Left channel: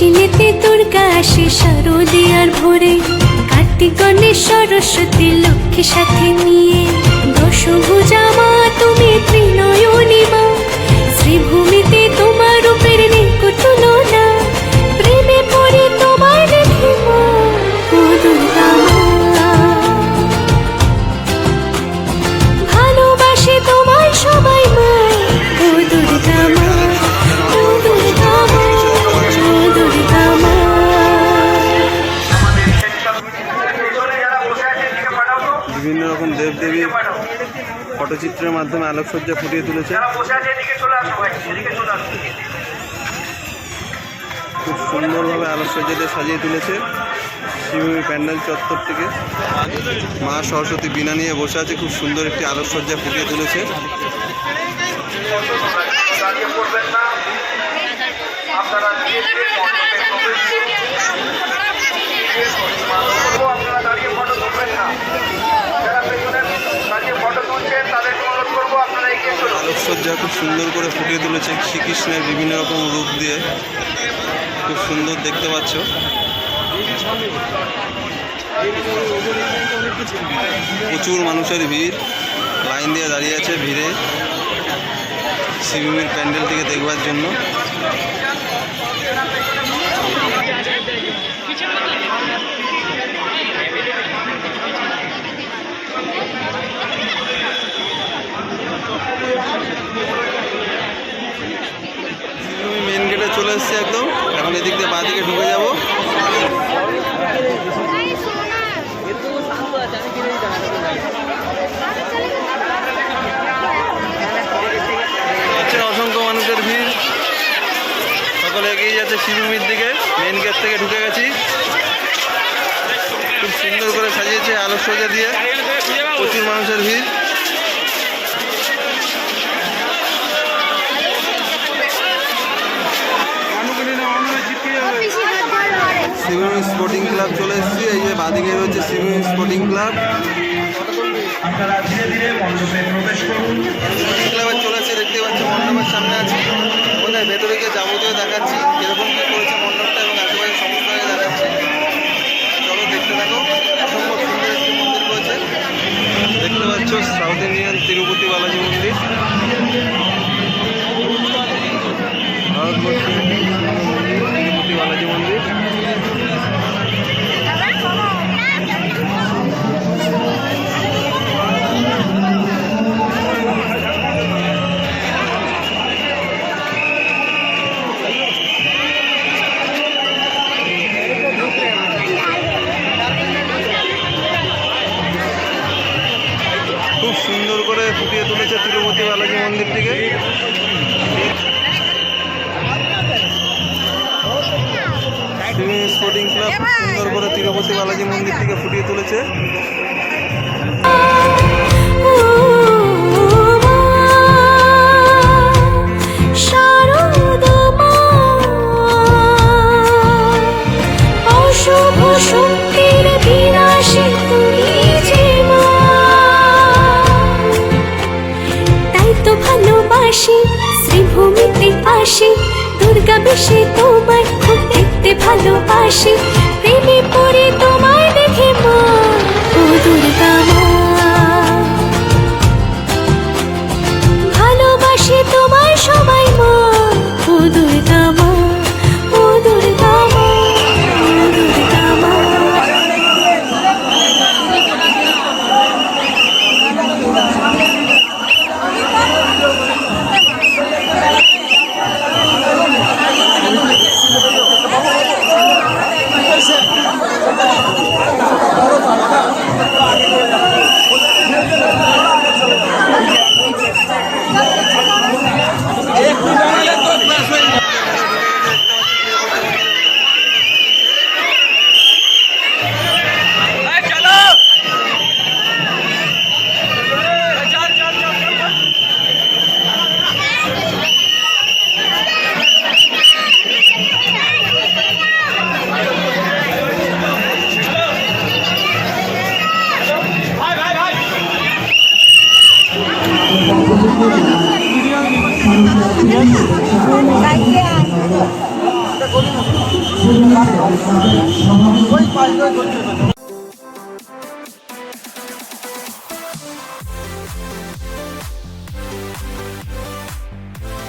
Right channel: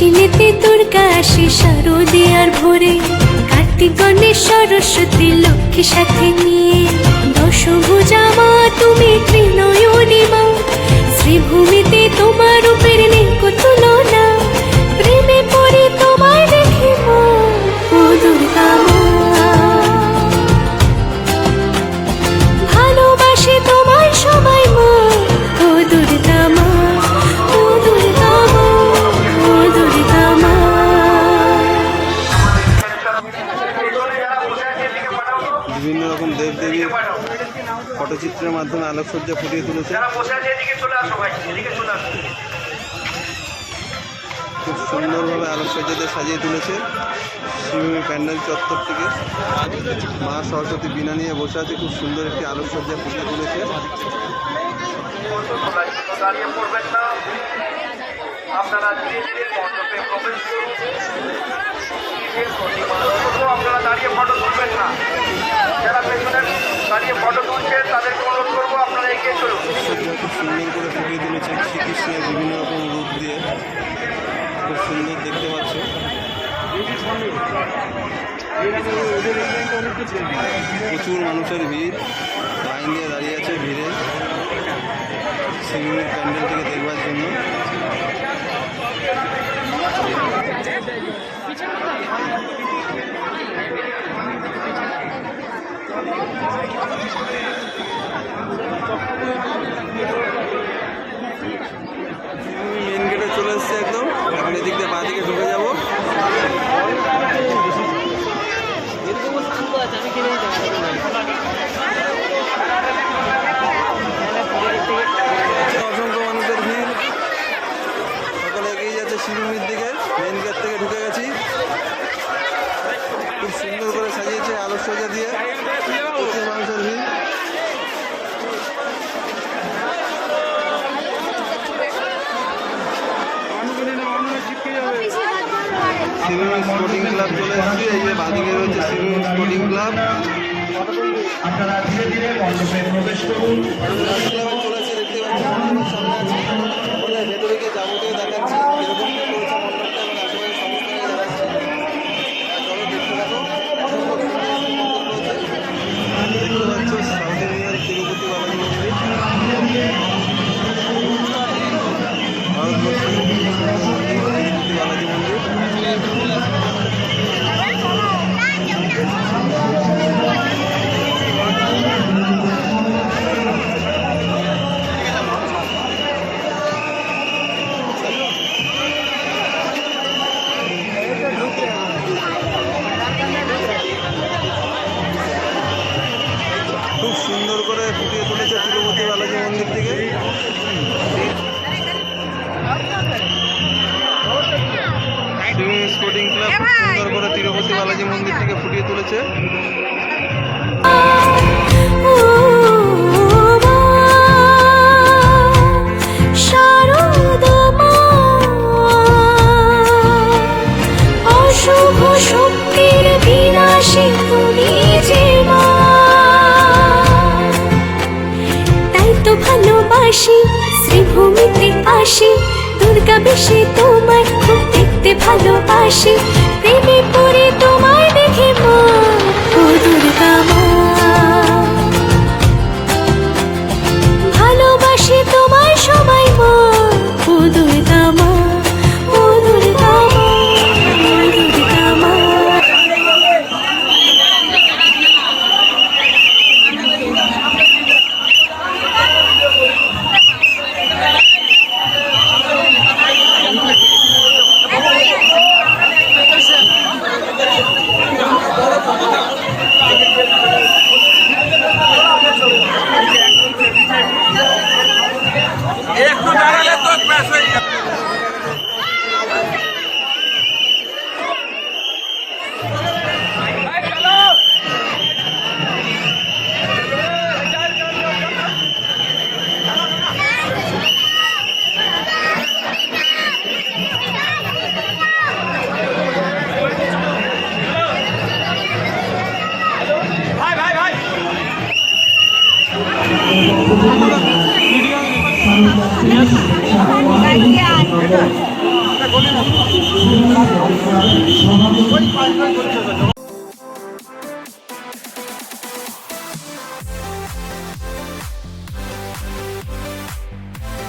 আশ্বিনেতে দুর্গা আসে শারদিয়ার ভোরে। কার্তিক গণেশ সরস্বতী লক্ষ্মী সাথে নিয়ে দশভুজা মা, তুমি ত্রিনয়নী মা। বিভিন্ন রকম দেবদেবীর পটচিত্রের মাধ্যমে আলোকসজ্জা ফুটিয়ে তুলেছে। খুব সুন্দরভাবে আলোকসজ্জা দিয়ে সাজিয়ে তুলেছে শিবভূমি প্যান্ডেল চত্বরটিকে মা সরস্বতী বিনা নিয়ে বসে আছে খুব সুন্দর একটি আলোকসজ্জা ফুটিয়ে তুলেছে। আপনারা খুব সুন্দর করে ফুটিয়ে তুলেছে শ্রীকৃষ্ণের বিভিন্ন রকম রূপ দিয়ে। খুব সুন্দর দেখতে পাচ্ছ। প্রচুর মানুষের ভিড়। লাইন দিয়ে দাঁড়িয়ে আছে ভিড়ে। শিবির প্যান্ডেলটিকে দেখবার জন্য। শিবভূমি চলে এসেছে একদম। এখন এদিক দিয়ে বাঁ দিকে ঢুকে যাব। অসংখ্য মানুষের ভিড়। সকলে এগিয়ে যাচ্ছে শিবভূমির দিকে। মেন গেট থেকে ঢুকে গেছি। খুব সুন্দর করে সাজিয়েছে আলোকসজ্জা দিয়ে। প্রচুর মানুষের ভিড়। শিবভূমি স্পোর্টিং ক্লাব চলে এসেছি। এই যে বাদিকে রয়েছে সিভিম স্পোর্টিং ক্লাব আপনারা ধীরে ধীরে মণ্ডপে প্রবেশ করুন ক্লাবে চলে এসেছি দেখতে পাচ্ছি মন্ডপের সামনে আছি। ভেতরে গিয়ে যাবতীয় দেখাচ্ছি। তিরুপতি বালাজি মন্দিরটিকে সিভিং স্পোর্টিং ক্লাব খুব সুন্দর করে তিরুপতি বালাজি মন্দির থেকে ফুটিয়ে তুলেছে। ভালোবাসি শ্রীভূমিতে আসি দুর্গা বেশে তোমায় খুব দেখতে ভালোবাসি। প্রেমে পড়ে তোমায় দেখে মা ও দুর্গা মা press ready ওই পাঁচ নয়